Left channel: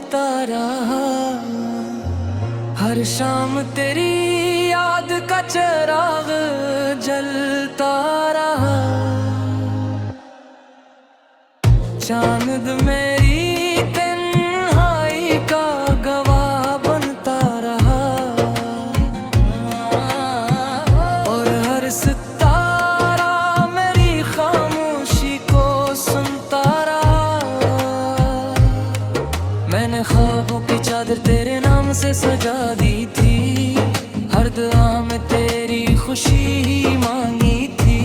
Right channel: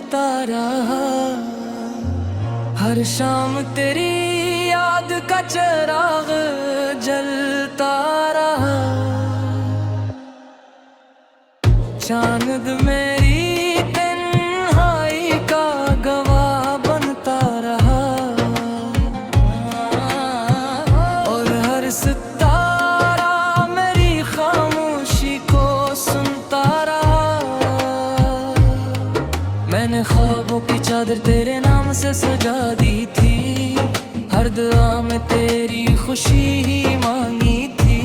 सोचता रहा, हर शाम तेरी याद का चिराग जलता रहा। चांद मेरी तन्हाई का गवाह बनता रहा, और हर सितारा मेरी खामोशी को सुनता रहा। मैंने ख्वाबों की चादर तेरे नाम से सजा दी थी, हर दुआ में तेरी खुशी ही मांगी थी।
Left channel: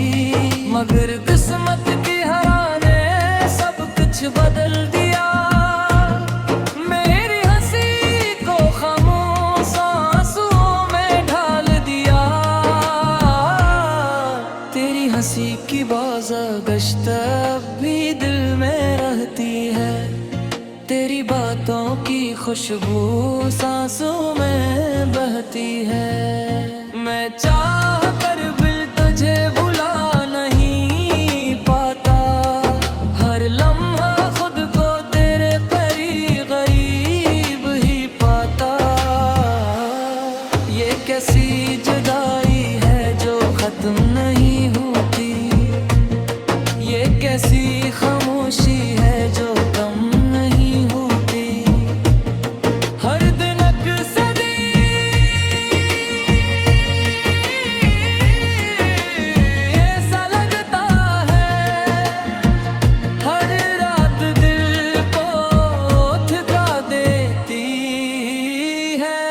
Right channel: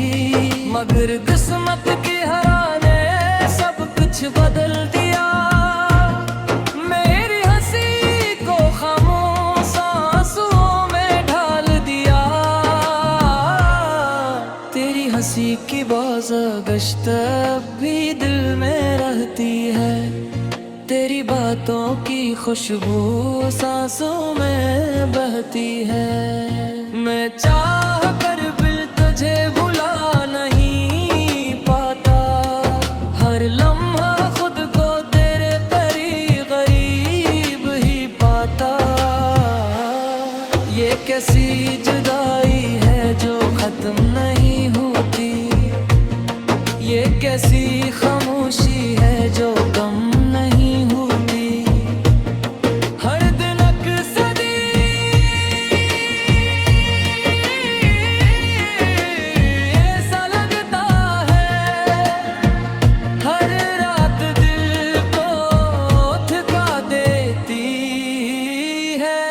मगर किस्मत की हरा ने सब कुछ बदल दिया, मेरी हंसी को खामोश आंसुओं में ढाल दिया। तेरी हंसी की बाज़गश्त अब भी दिल में रहती है, तेरी बातों की खुशबू सांसों में बहती है। मैं चाह कर भी तुझे भुला नहीं पाता, हर लम्हा खुद को तेरे करीब गरीब ही पाता। ये कैसी जुदाई है जो खत्म नहीं होती, ये कैसी खामोशी है जो कम नहीं होती। हर दिन अक्सदी ऐसा लगता है, हर रात दिल को थका देती है।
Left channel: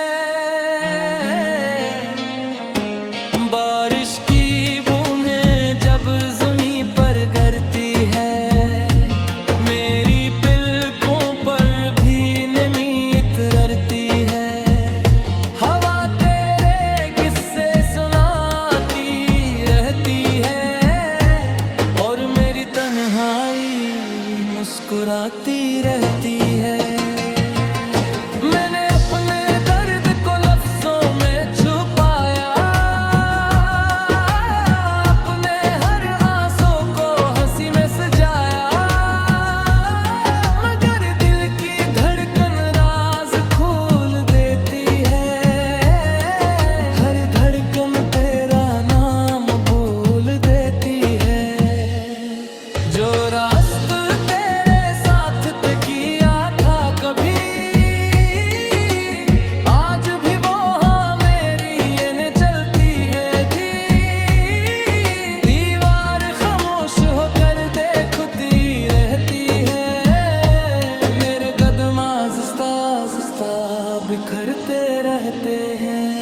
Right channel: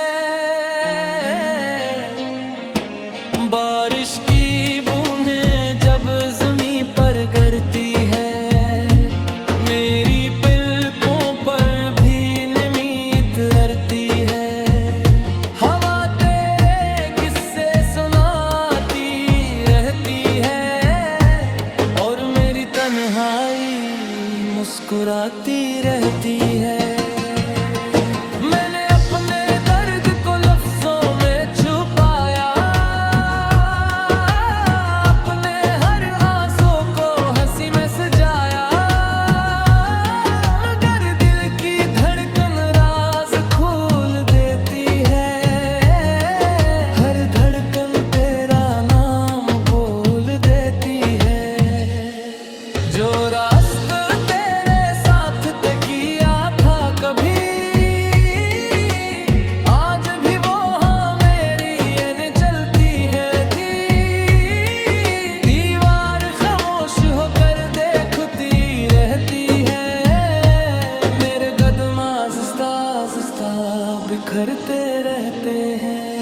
बारिश की बूंदें जब ज़मीं पर गिरती है, मेरी पलकों पर भी नमी उतरती है। हवा तेरे किस्से सुनाती रहती है, और मेरी तन्हाई मुस्कुराती रहती है। मैंने अपने दर्द को लफ्जों में छुपाया, अपने हर आंसू को हंसी में सजाया। मगर दिल की धड़कन राज खोल देती है, हर धड़कन तेरा नाम बोल देती है। जो रास्ता तेरे साथ तय किया था कभी, आज भी वो हाँ मेरी यानी चलती है थी। दीवार खामोश होकर देखती रहती है, मेरे कदम आहिस्ता आहिस्ता बिखरते रहते हैं।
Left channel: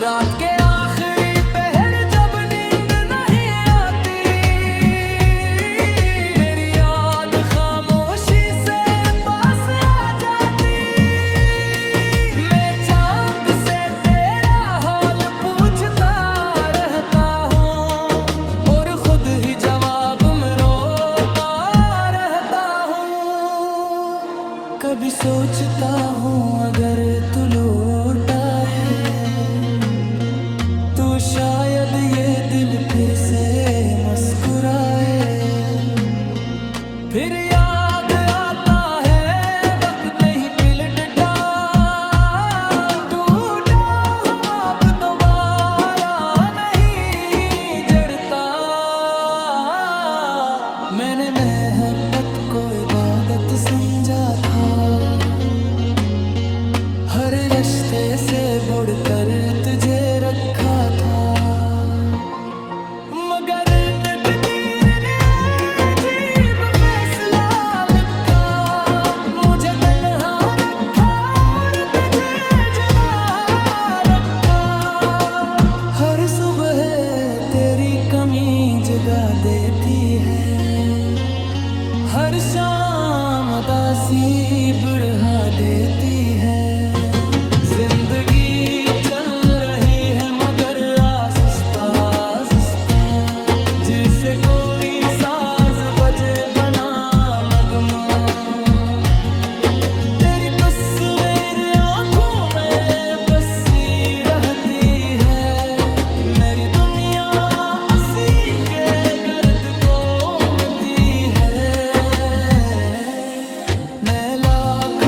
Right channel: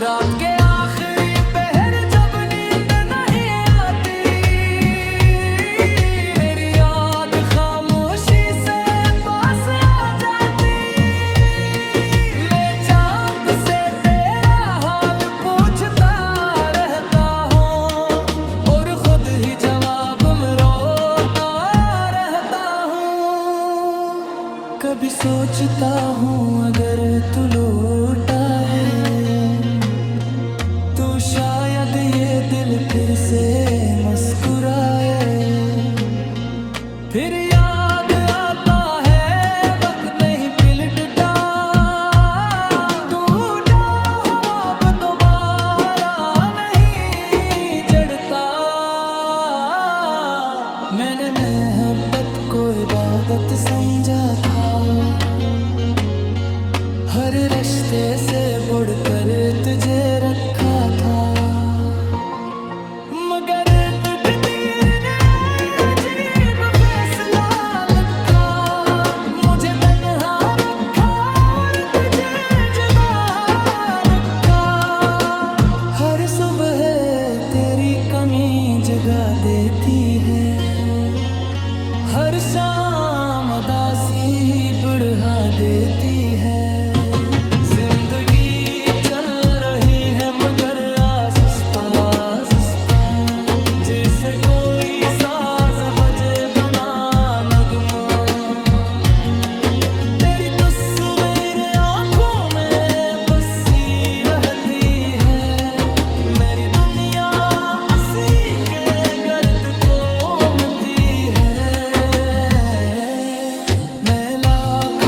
रात के आखिरी पहर जब नींद नहीं आती, मेरी याद खामोशी से पास आ जाती। मैं चांद से तेरा हाल पूछता रहता हूँ, और खुद ही जवाब में रोता रहता हूँ। कभी सोचता हूँ अगर तू लौट आए, तो शायद ये दिल फिर से मुस्कुराए। फिर याद आता है वक्त नहीं पिलटता, टूटा हुआ अब दोबारा नहीं जड़ता। मैंने मोहब्बत को इबादत समझा था, हर रिश्ते से बढ़कर तुझे रखा था। मगर तकदीर ने अजीब फैसला लिखा, मुझे तन्हा रखा और तुझे जुदा रखा। हर सुबह तेरी कमी जगा देती है, हर शाम उदासी बढ़ा देती है। जिंदगी चल रही है मगर आहिस्ता आहिस्ता, जिसे कोई साज बजे बना नगमा। तेरी तस्वीर आंखों में बसी रहती है, मेरी दुनिया हंसी के गर्द को मिटी है। मैं लाख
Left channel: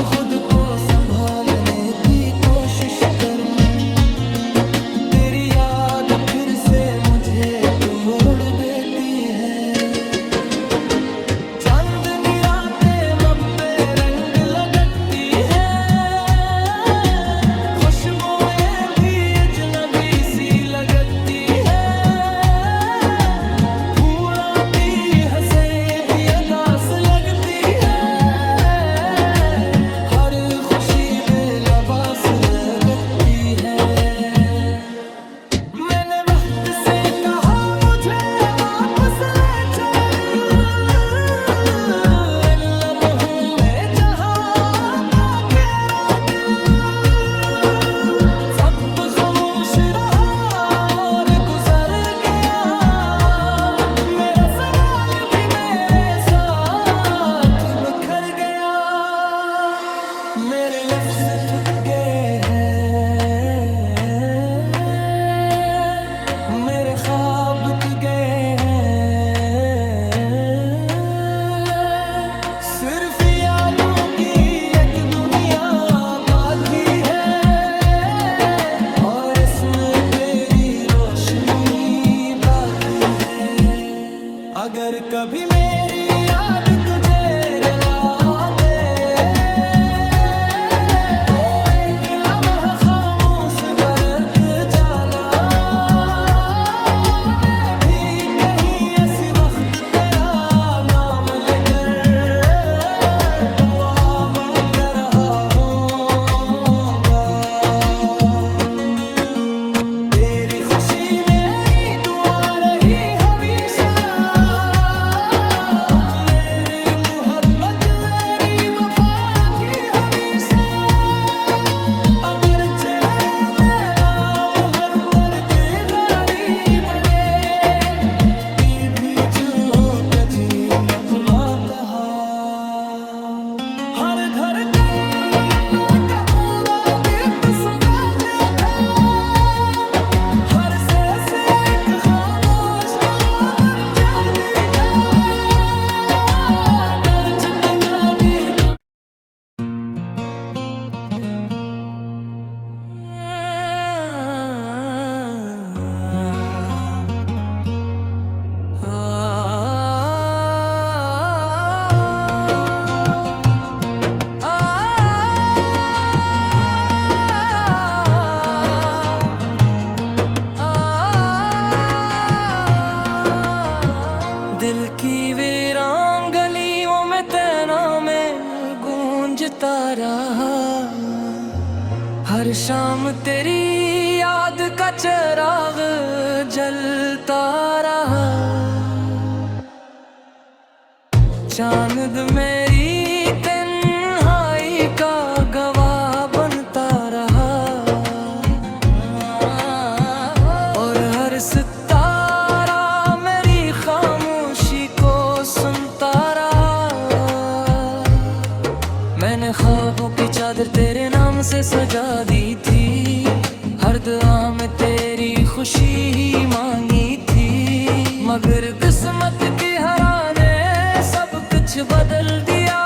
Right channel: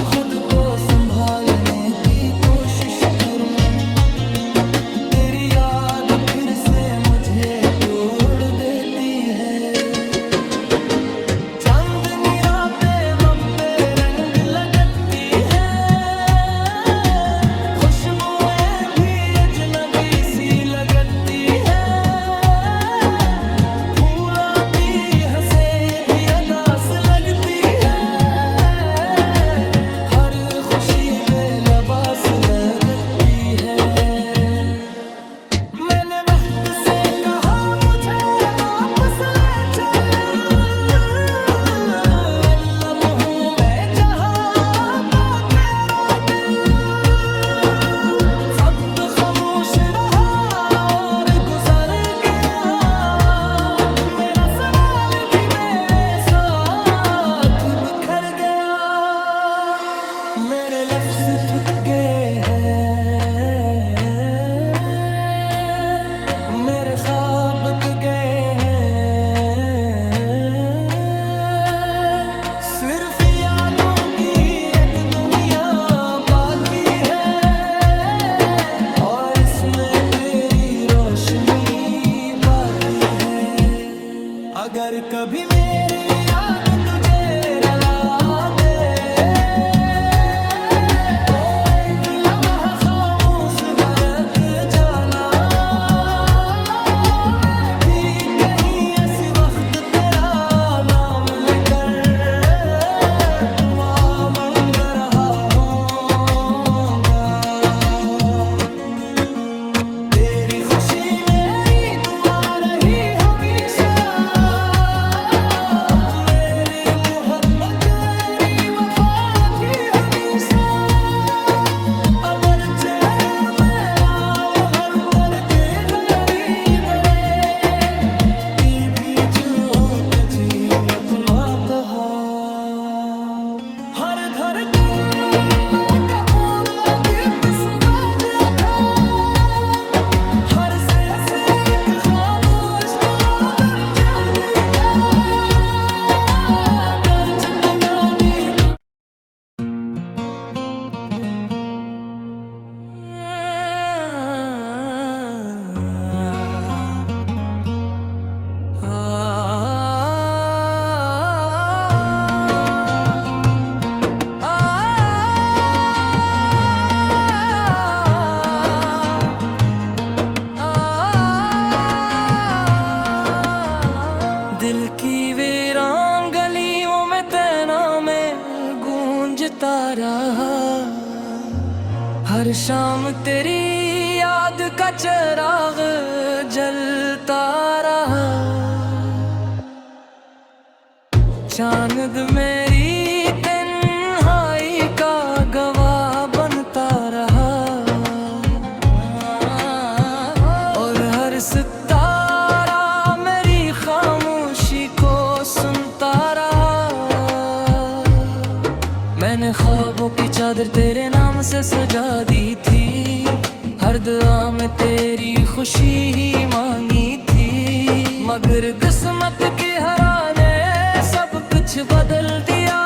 मेरे लफ्ज थक गए हैं, मेरे ख्वाब थक गए हैं, सिर्फ यादों की एक दुनिया बाकी है और इसमें तेरी रोशनी बाकी है। अगर कभी मेरी याद तुझे रुला दे तो एक लम्हा खामोश बरक जाना, मैं भी कहीं ऐसी वक्त तेरा नाम लेकर दुआ मांग रहा होऊंगा। तेरी खुशी मेरी दुआ रही हमेशा, मेरी मोहब्बत मेरी वफा की हमेशा। अगरचे मेरा महर पर के गारी बड़े ती भी जो कजी अपना कहा। हर धड़कन का पूरा गीत समझ था, हर से एक खामोश आदम जागी था, कर जितना भी तू दिल की वीरान गलियों में तेरा में गूंजता रहा। हर शाम तेरी याद का चिराग जलता रहा। चांद मेरी तन्हाई का गवाह बनता रहा और हर सितारा मेरी खामोशी को सुनता रहा। मैंने ख्वाबों की चादर तेरे नाम से सजा दी थी, हर दुआ में तेरी खुशी ही मांगी थी, मगर किस्मत की हरा ने सब कुछ बदल दिया।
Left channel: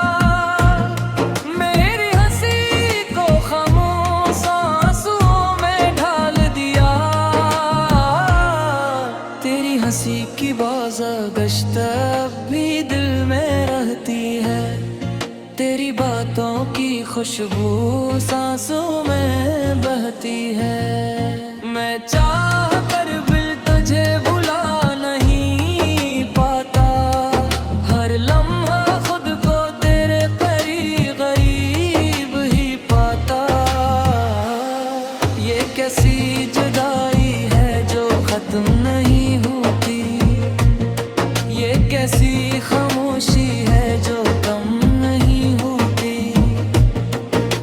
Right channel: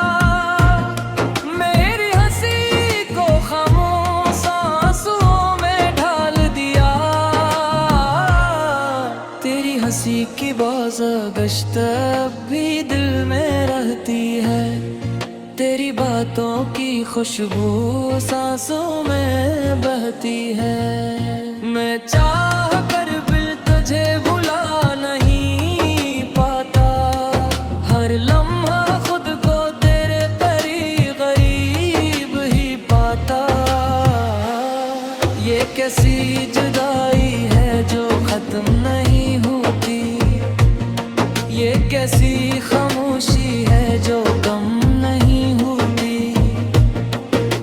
मेरी हंसी को खामोश आंसुओं में ढाल दिया। तेरी हंसी की बाज़गश्त अब भी दिल में रहती है, तेरी बातों की खुशबू सांसों में बहती है। मैं चाह कर भी तुझे भुला नहीं पाता, हर लम्हा खुद को तेरे करीब गरीब ही पाता। ये कैसी जुदाई है जो खत्म नहीं होती, ये कैसी खामोशी है जो कम नहीं होती।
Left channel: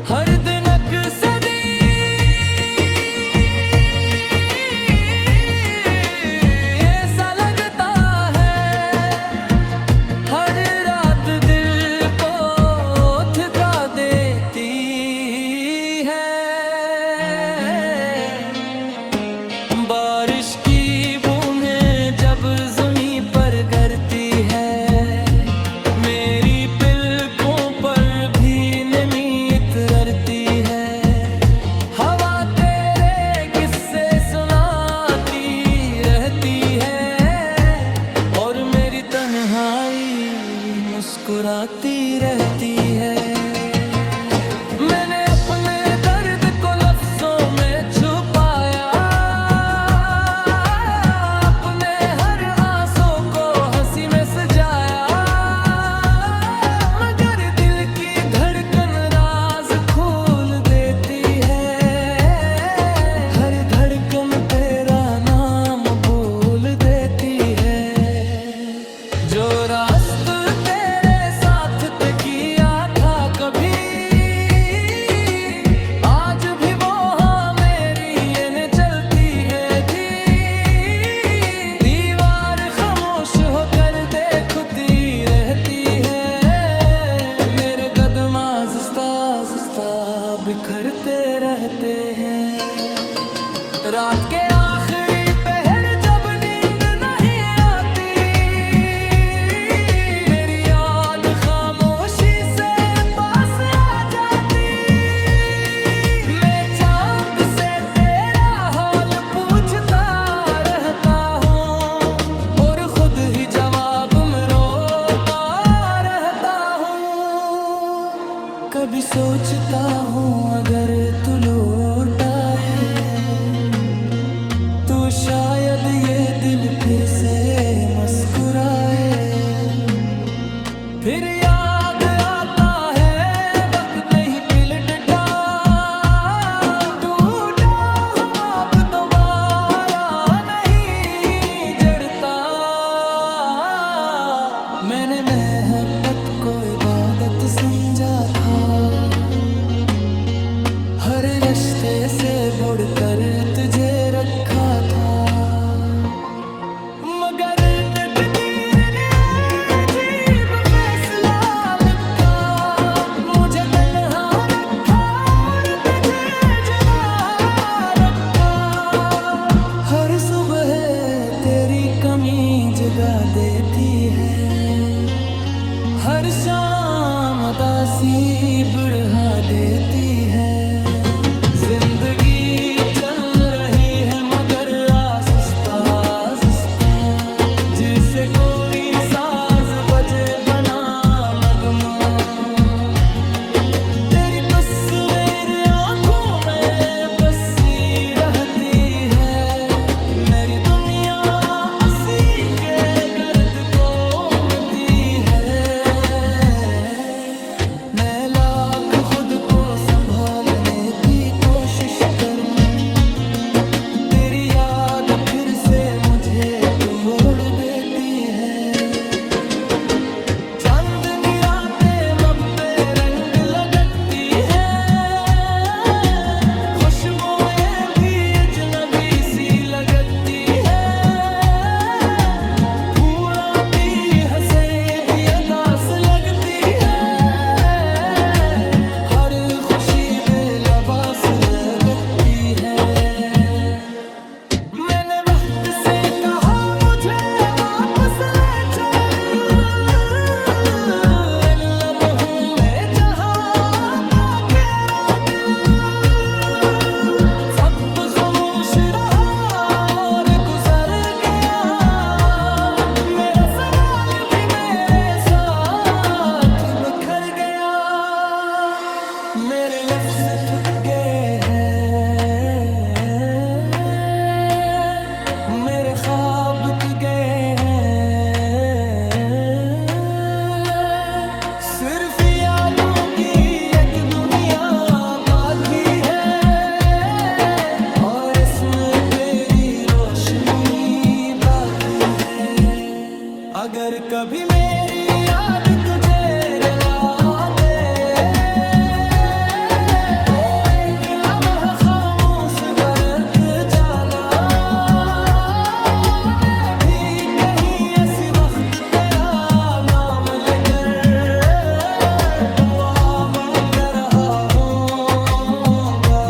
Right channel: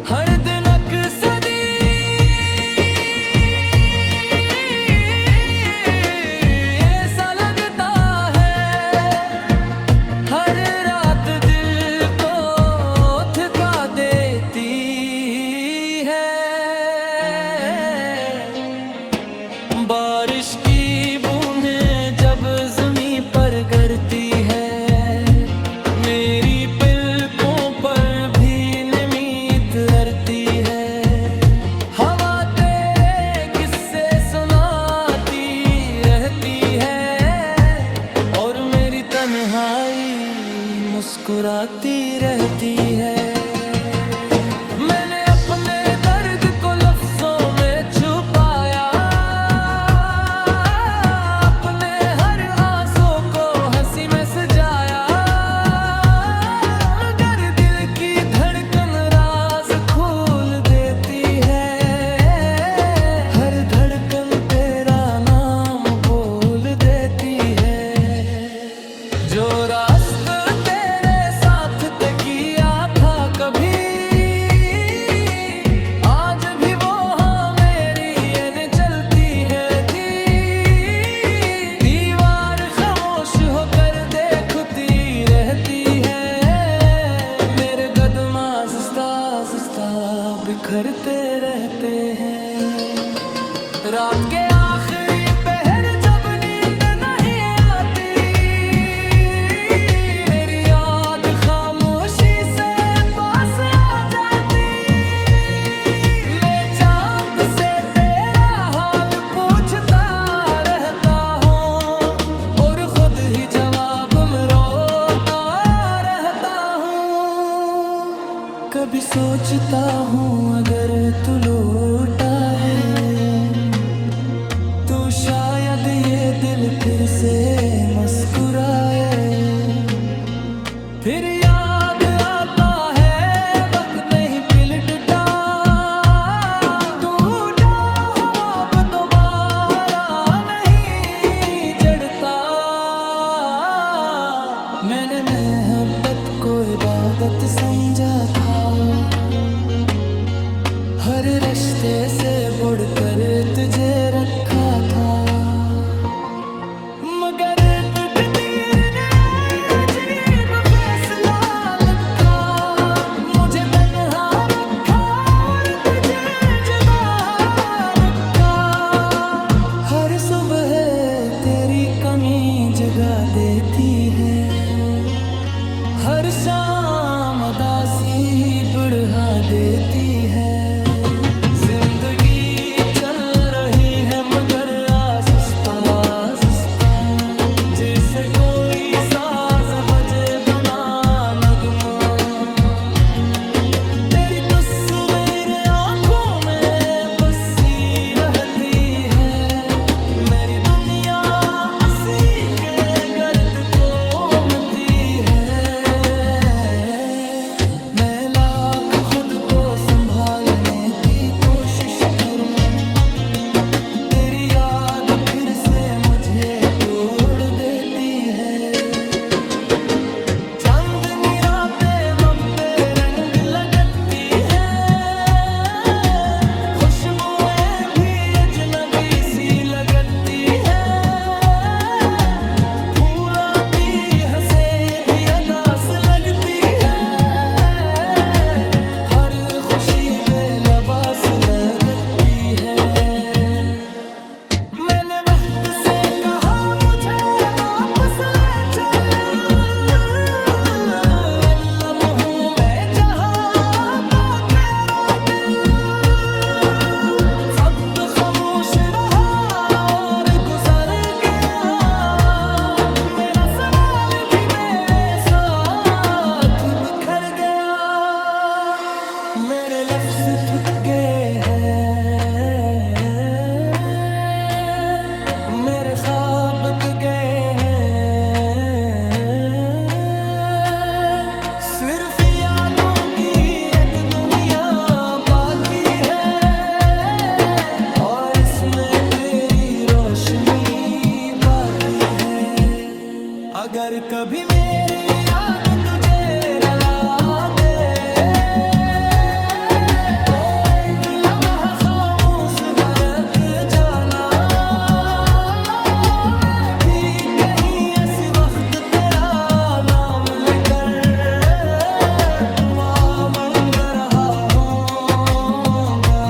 हर दिन अक्सरी ऐसा लगता है, हर रात दिल को थका देती है। बारिश की बूंदें जब ज़मीं पर गिरती है, मेरी पलकों पर भी नमी उतरती है। हवा तेरे किस्से सुनाती रहती है और मेरी तन्हाई मुस्कुराती रहती है। मैंने अपने दर्द को लफ्जों में छुपाया, अपने हर आंसू को हंसी में सजाया, मगर दिल की धड़कन राज खोल देती है। हर धड़कन तेरा नाम बोल देती है। जो रास्ता तेरे साथ तय किया था कभी, आज भी वो हाँ मेरी ये चलती है थी। दीवार खामोश होकर देखती रहती है, मेरे कदम आहिस्ता आहिस्ता बिखरते रहते हैं। रात के आखिरी पहर जब नींद नहीं आती, मेरी याद खामोशी से पास आ जाती। मैं चांद से तेरा हाल पूछता रहता हूँ और खुद ही जवाब में रोता रहता हूँ। कभी सोचता हूँ अगर तू लौट आए तो शायद ये दिल फिर से मुस्कुराए। फिर याद आता है वक्त नहीं पिलटता, टूटा हवा अब दोबारा नहीं जड़ता। मैंने मोहब्बत को इबादत समझा था, हर रिश्ते से बुड़कर तुझे रखा था। मगर तकदीर ने अजीब फैसला लिखा, मुझे तन्हा रखा और तुझे जुदा रखा। हर सुबह तेरी कमी जगा देती है, हर शाम उदासी बढ़ा देती है। जिंदगी चल रही है मगर आहिस्ता आहिस्ता, जिसे कोई साज बजे बना नगमा। तेरी तस्वीर आंखों में बसी रहती है, मेरी दुनिया हंसी के गर्द को उमती है। मैं लाख खुद को संभालने की कोशिश करूं, तेरी याद फिर से मुझे तोड़ देती है। चांदनी रातें मब्बे रंग लगती है, खुशबुएं भी अजनबी सी लगती है। फूलों की हंसे भी अदास लगती है, हर खुशी बेलबास लगती है। मैंने वक्त से कहा मुझे वापस ले चल, इन लम्हों में जहाँ था तेरा दिल। सब खामोश रहा और गुजर गया, मेरा सवाल भी मेरे साथ बिखर गया। मेरे लफ्ज थक गए हैं, मेरे ख्वाब बिक गए हैं। सिर्फ यादों की एक दुनिया बाकी है, और इसमें तेरी रोशनी बाकी है। अगर कभी मेरी याद तुझे रुला दे, तो एक लम्हा खामोश बरक जाना। मैं भी कहीं ऐसी वक्त तेरा नाम लेकर दुआ मांग रहा हूँगा।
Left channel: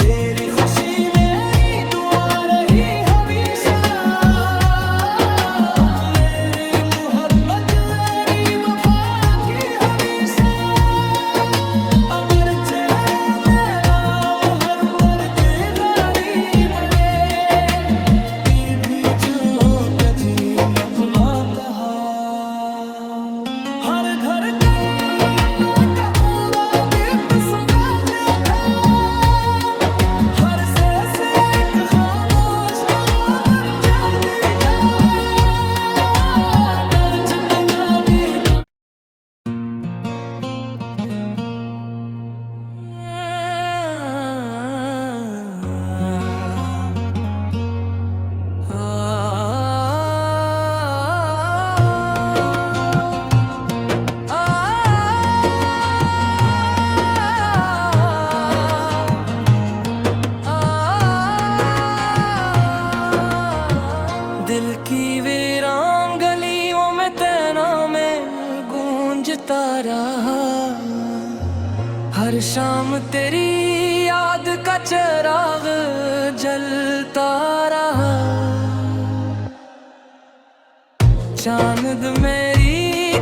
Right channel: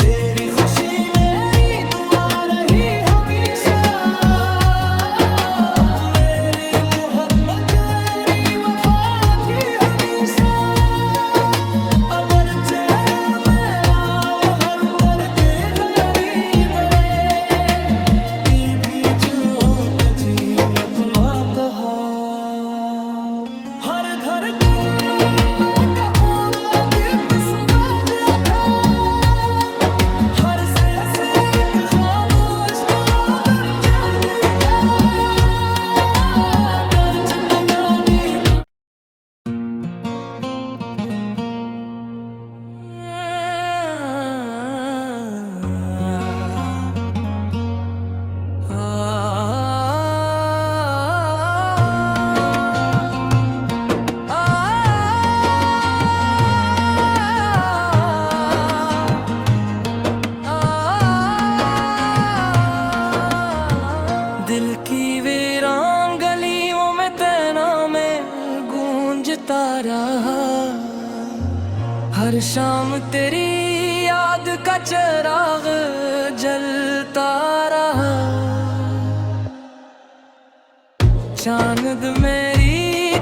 तेरी खुशी मेरी दुआ रही हमेशा, गूंजता रहा। हर शाम तेरी याद का चिराग जलता रहा। चांद मेरी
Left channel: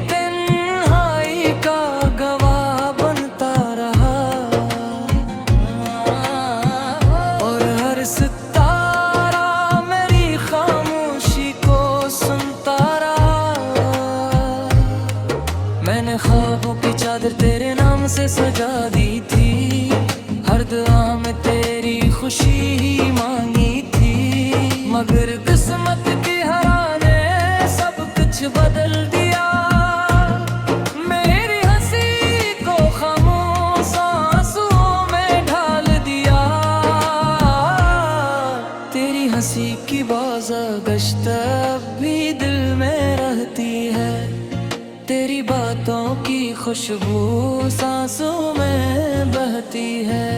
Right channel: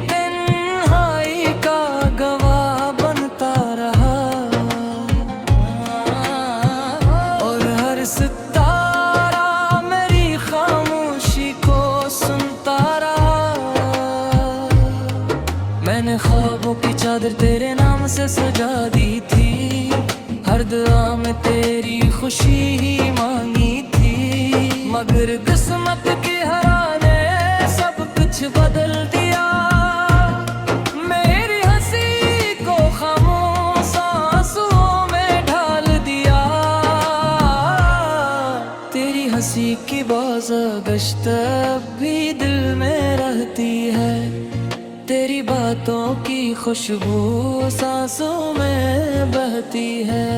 तन्हाई का गवाह बनता रहा। और हर सितारा मेरी खामोशी को सुनता रहा। मैंने ख्वाबों की चादर तेरे नाम से सजा दी थी। हर दुआ में तेरी खुशी ही मांगी थी। मगर किस्मत की हरा ने सब कुछ बदल दिया। मेरी हंसी को खामोश आंसुओं में ढाल दिया। तेरी हंसी की बाज़गश्त अब भी दिल में रहती है। तेरी बातों की खुशबू सांसों में बहती है।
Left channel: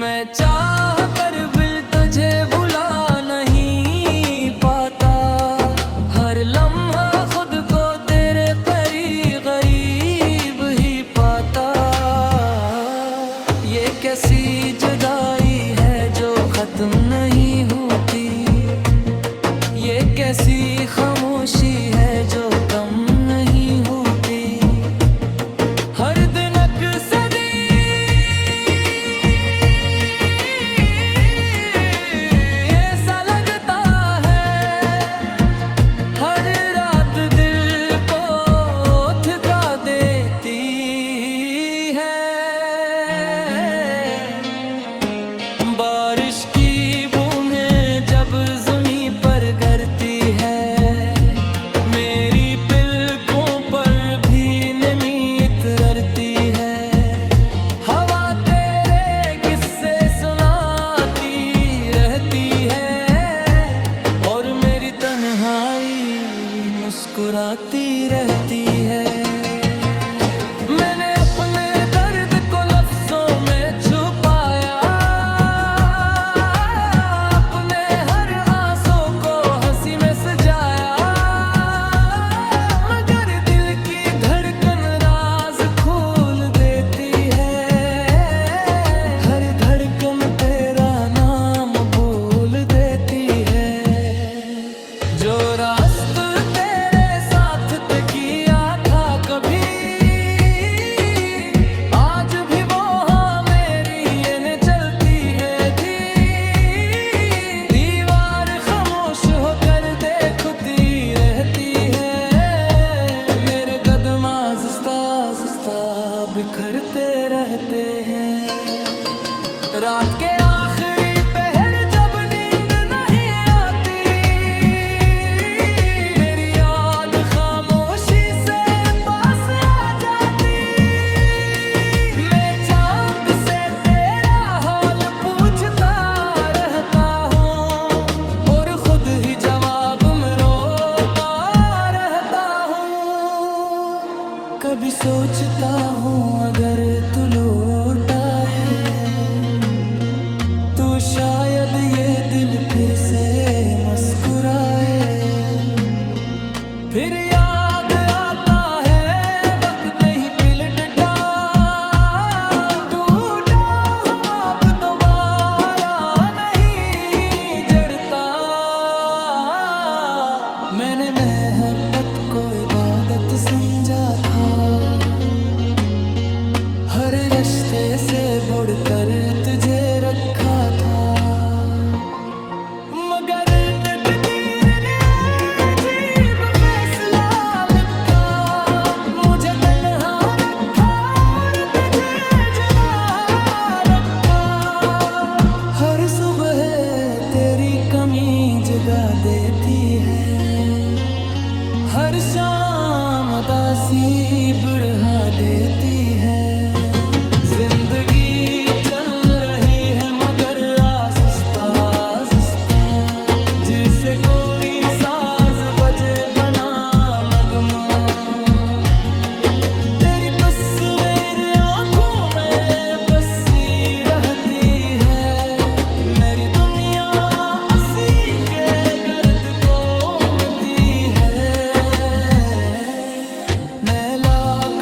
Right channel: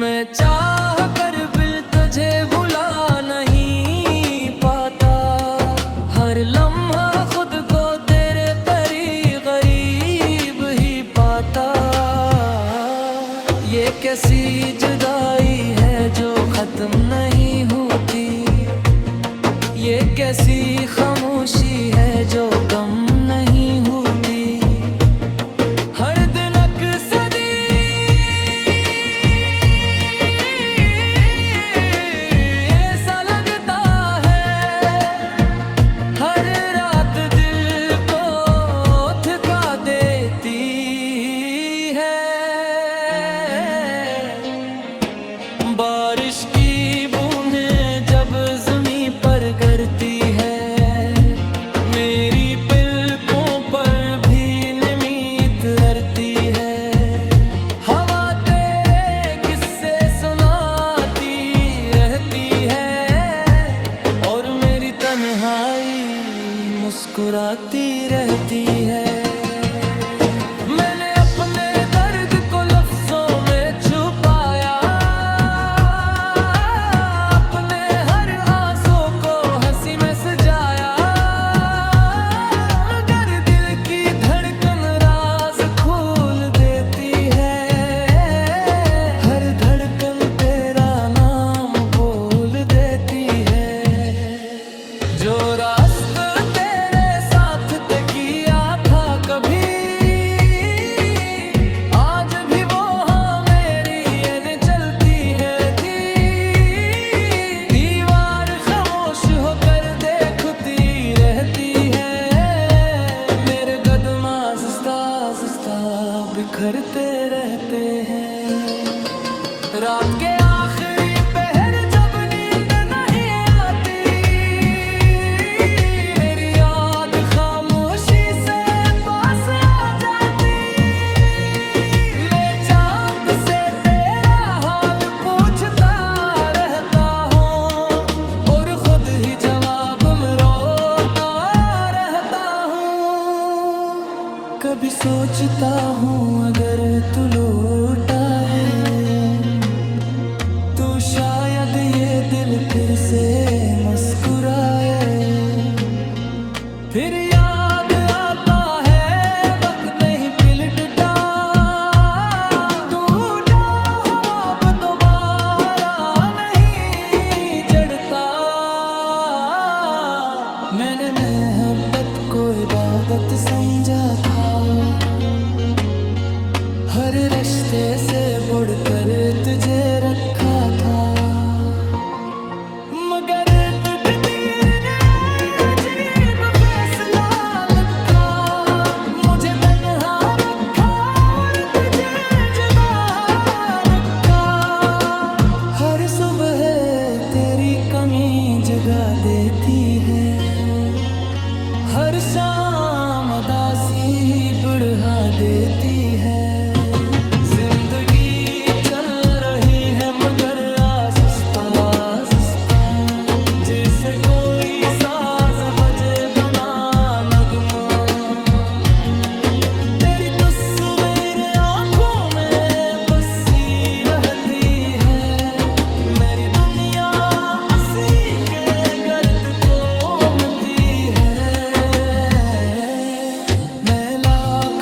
मैं चाह कर भी तुझे भुला नहीं पाता। हर लम्हा खुद को तेरे करीब ही पाता। ये कैसी जुदाई है जो खत्म नहीं होती। ये कैसी खामोशी है जो कम नहीं होती। हर दिन अक्सरी ऐसा लगता है। हर रात दिल को थका देती है। बारिश की बूंदें जब ज़मीं पर गिरती है। मेरी पलकों पर भी नमी उतरती है। हवा तेरे किस्से सुनाती रहती है। और मेरी तन्हाई मुस्कुराती रहती है। मैंने अपने दर्द को लफ्जों में छुपाया। अपने हर आंसू को हंसी में सजाया। मगर दिल की धड़कन राज खोल देती है। हर धड़कन तेरा नाम बोल देती है। जो रास्ता तेरे साथ तय किया था कभी, आज भी वो हाँ मेरी ये चलती है थी। दीवार खामोश होकर देखती रहती है। मेरे कदम आहिस्ता बिखरते रहते हैं। रात के आखिरी पहर जब नींद नहीं आती। मेरी याद खामोशी से पास आ जाती। मैं चांद से तेरा हाल पूछता रहता हूँ। और खुद ही जवाब में रोता रहता हूँ। कभी सोचता हूँ अगर तू लौट आए तो शायद ये दिल फिर से मुस्कुराए। फिर याद आता है वक्त नहीं पिलटता। टूटा हुआ अब दोबारा नहीं जड़ता। मैंने मोहब्बत को इबादत समझा था। हर रिश्ते से बढ़कर तुझे रखा था। मगर तकदीर ने अजीब फैसला लिखा। मुझे तन्हा रखा और तुझे जुदा रखा। हर सुबह तेरी कमी जगा देती है। हर शाम उदासी बढ़ा देती है। जिंदगी चल रही है मगर आहिस्ता आहिस्ता। जिसे कोई साज बजे बना नगमा। तेरी तस्वीर आंखों में बसी रहती है। मेरी दुनिया हंसी के गर्द को मिटी है। मैं लाख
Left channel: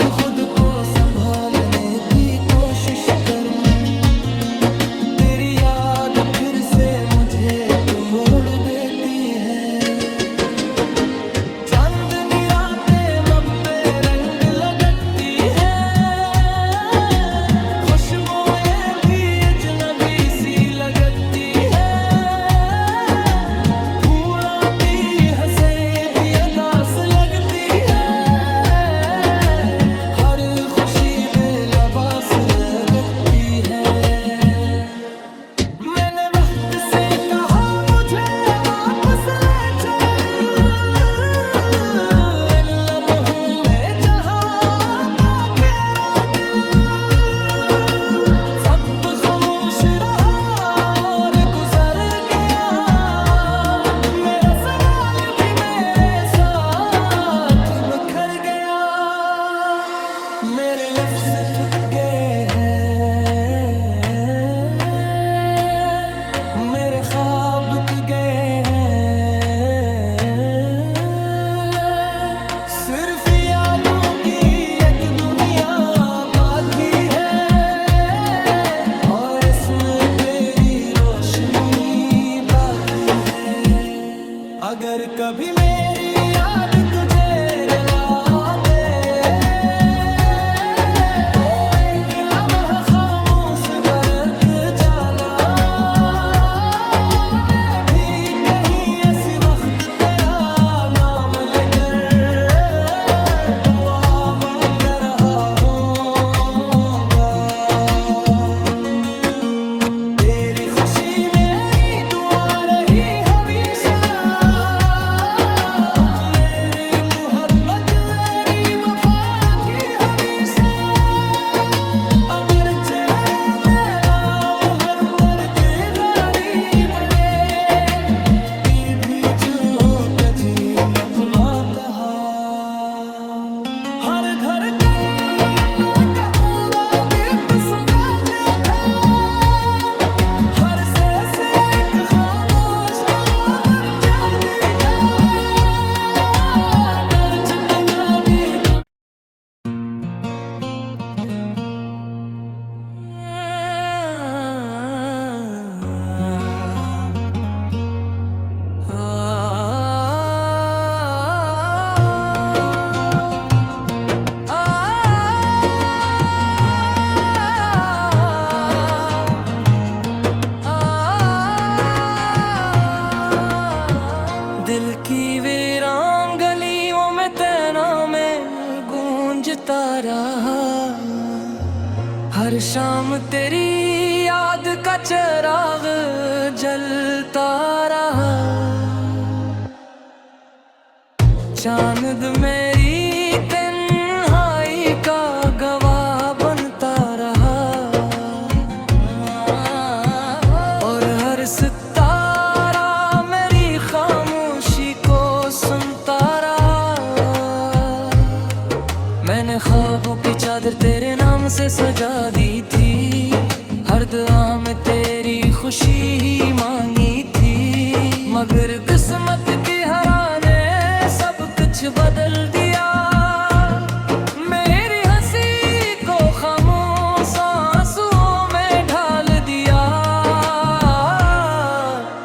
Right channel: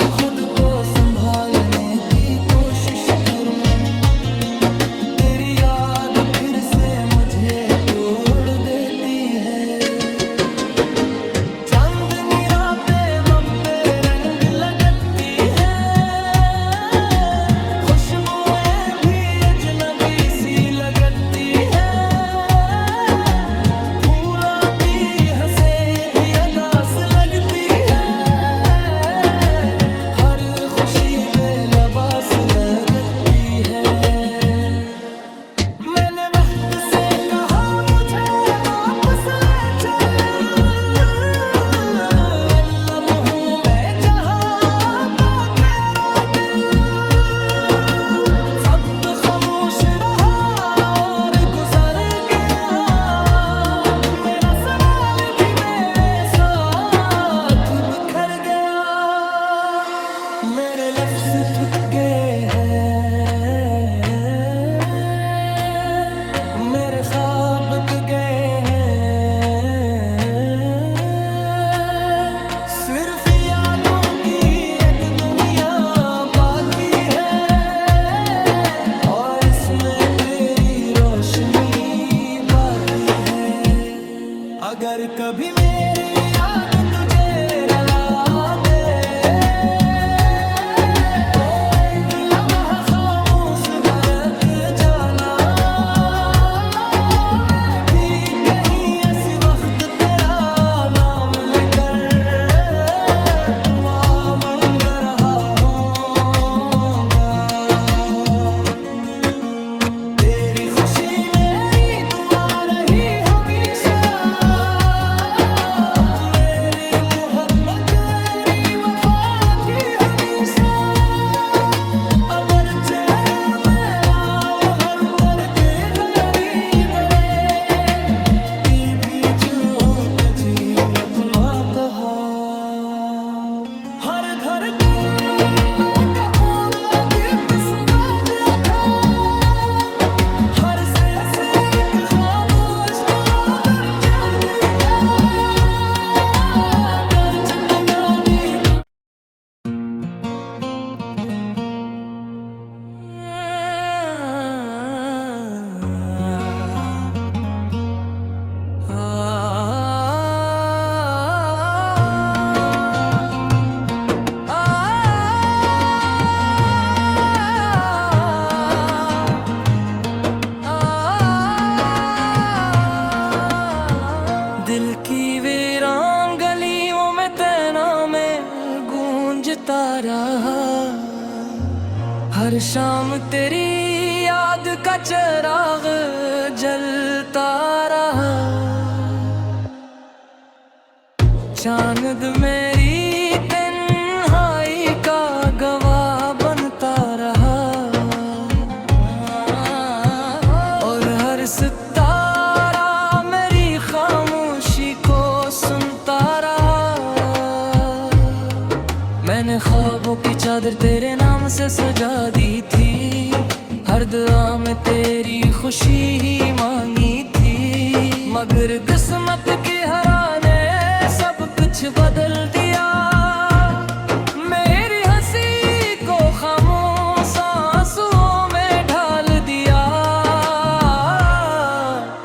मेरे लफ्ज थक गए हैं, मेरे ख्वाब थक गए हैं। सिर्फ यादों की एक दुनिया बाकी है, और इसमें तेरी रोशनी बाकी है। अगर कभी मेरी याद तुझे रुला दे, तो एक लम्हा खामोश बरक जाना। मैं भी कहीं ऐसी वक्त तेरा नाम लेकर दुआ मांग रहा हूँगा। तेरी खुशी मेरी दुआ रही हमेशा, मेरी मोहब्बत मेरी वफा की हमेशा। अगरचे मेरा मोहर पर के गारी बड़े, ती भी जो कजी अपना कहा। हर धड़कन का पूरा दिल समझ था, हर से एक खामोश आदम जागेगा। कर जितना भी तू दिल की वीरान गलियों में तेरा में गूंजता रहा। हर शाम तेरी याद का चिराग जलता रहा। चांद मेरी तन्हाई का गवाह बनता रहा, और हर सितारा मेरी खामोशी को सुनता रहा। मैंने ख्वाबों की चादर तेरे नाम से सजा दी थी, हर दुआ में तेरी खुशी ही मांगी थी। मगर किस्मत की हरा ने सब कुछ बदल दिया। मेरी हंसी को खामोश आंसुओं में ढाल दिया।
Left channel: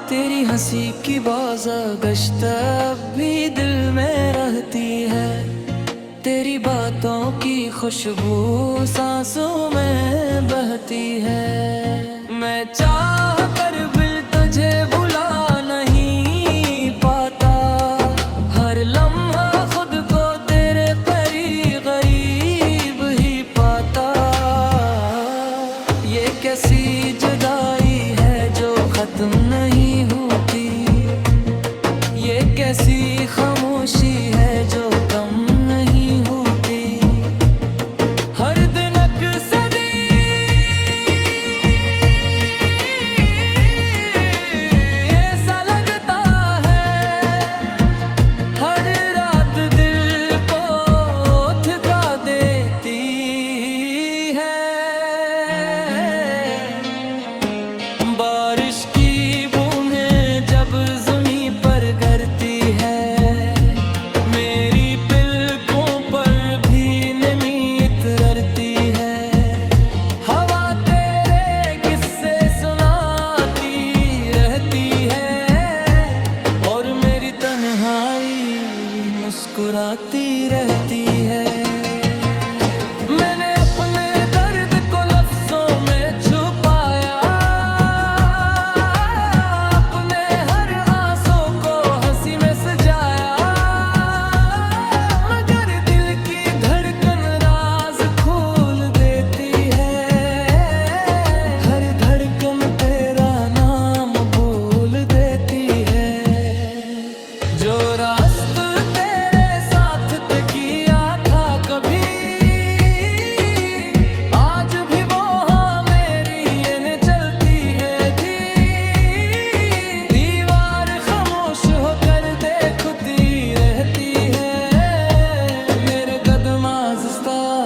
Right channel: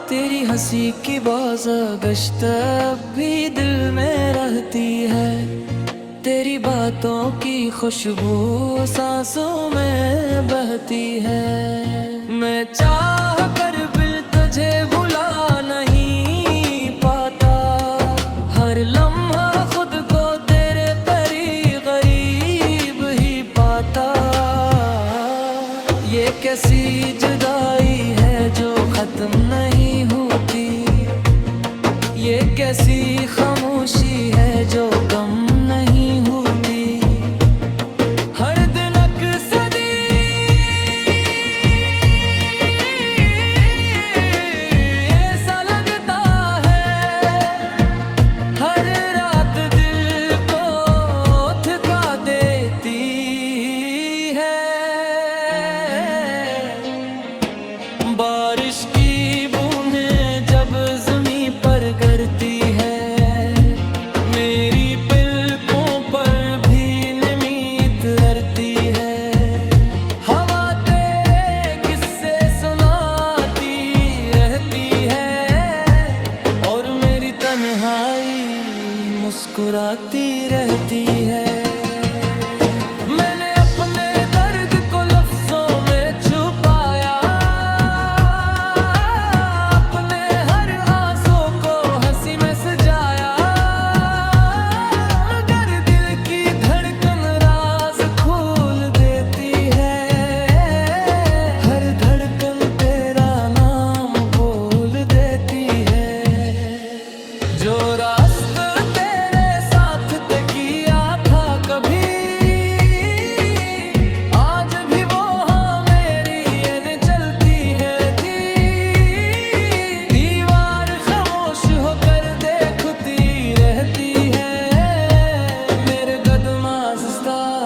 तेरी हंसी की बाज़गश्त अब भी दिल में रहती है, तेरी बातों की खुशबू सांसों में बहती है। मैं चाह कर भी तुझे भुला नहीं पाता, हर लम्हा खुद को तेरे करीब गरीब ही पाता। ये कैसी जुदाई है जो खत्म नहीं होती, ये कैसी खामोशी है जो कम नहीं होती। हर दिन अक्सरी ऐसा लगता है, हर रात दिल को थका देती है। बारिश की बूंदें जब ज़मीं पर गिरती है, मेरी पलकों पर भी नमी उतरती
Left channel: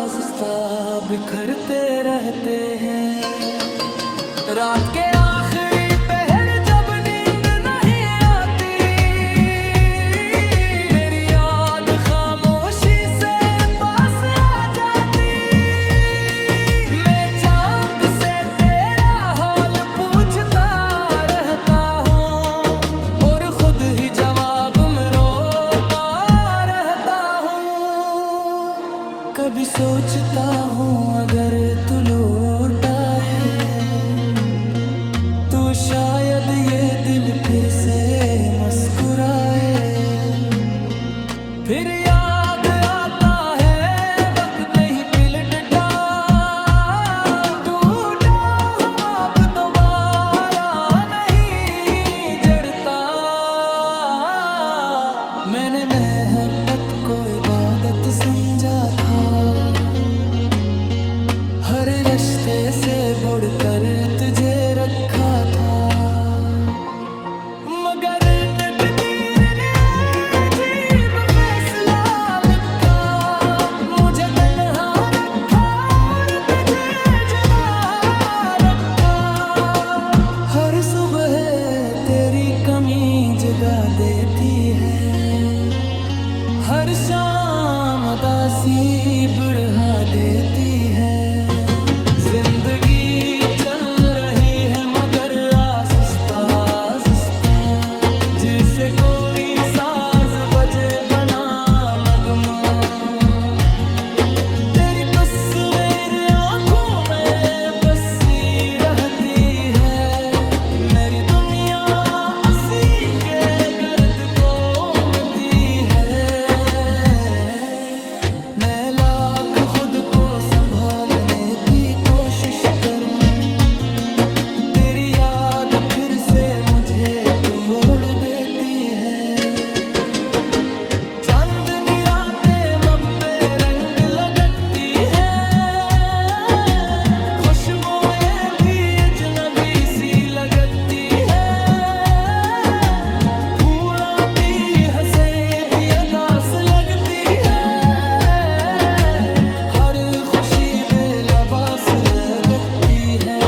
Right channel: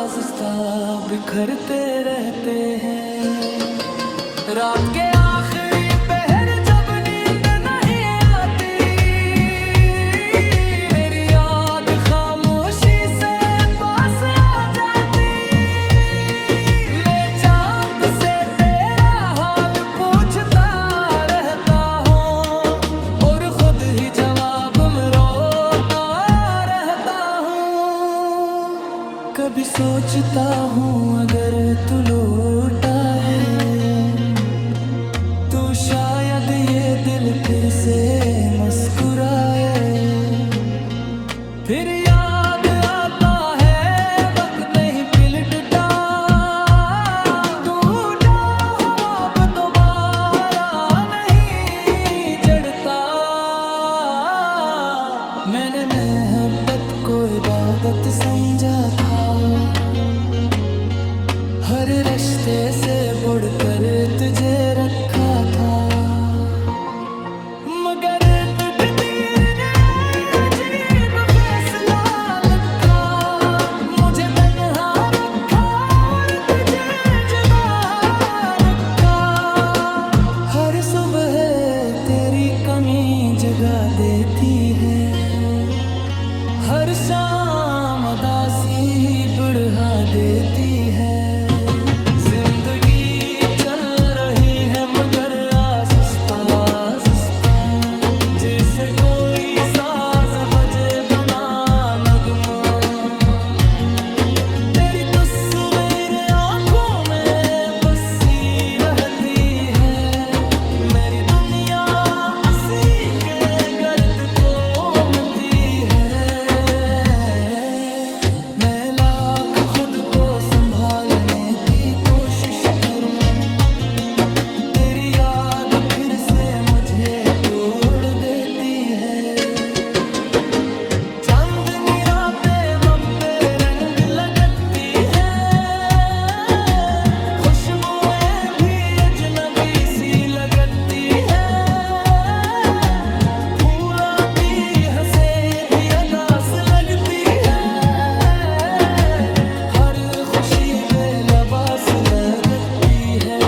आहिस्ता बिखरते रहते हैं। रात के आखिरी पहर जब नींद नहीं आती, मेरी याद खामोशी से पास आ जाती। मैं चांद से तेरा हाल पूछता रहता हूँ और खुद ही जवाब में रोता रहता हूँ। कभी सोचता हूँ अगर तू लौट आए तो शायद ये दिल फिर से मुस्कुराए। फिर याद आता है वक्त नहीं पिलटता, टूटा हुआ अब दोबारा नहीं जड़ता। मैंने मोहब्बत को इबादत समझा था, हर रिश्ते से बढ़कर तुझे रखा था। मगर तकदीर ने अजीब फैसला लिखा, मुझे तन्हा रखा और तुझे जुदा रखा। हर सुबह तेरी कमी जगा देती है, हर शाम उदासी बढ़ा देती है। जिंदगी चल रही है मगर आहिस्ता आहिस्ता, जिसे कोई साज बजे बना नगमा। तेरी तस्वीर आंखों में बसी रहती है, मेरी दुनिया हंसी के गर्द को मिटती है। मैं लाख खुद को संभालने की कोशिश करूं, तेरी याद फिर से मुझे तोड़ देती है। चांदनी रातें मब्बे रंग लगती है, खुशबुएं भी अजनबी सी लगती है। फूलों की हंसे भी अदास लगती है, हर खुशी बेलबास लगती है।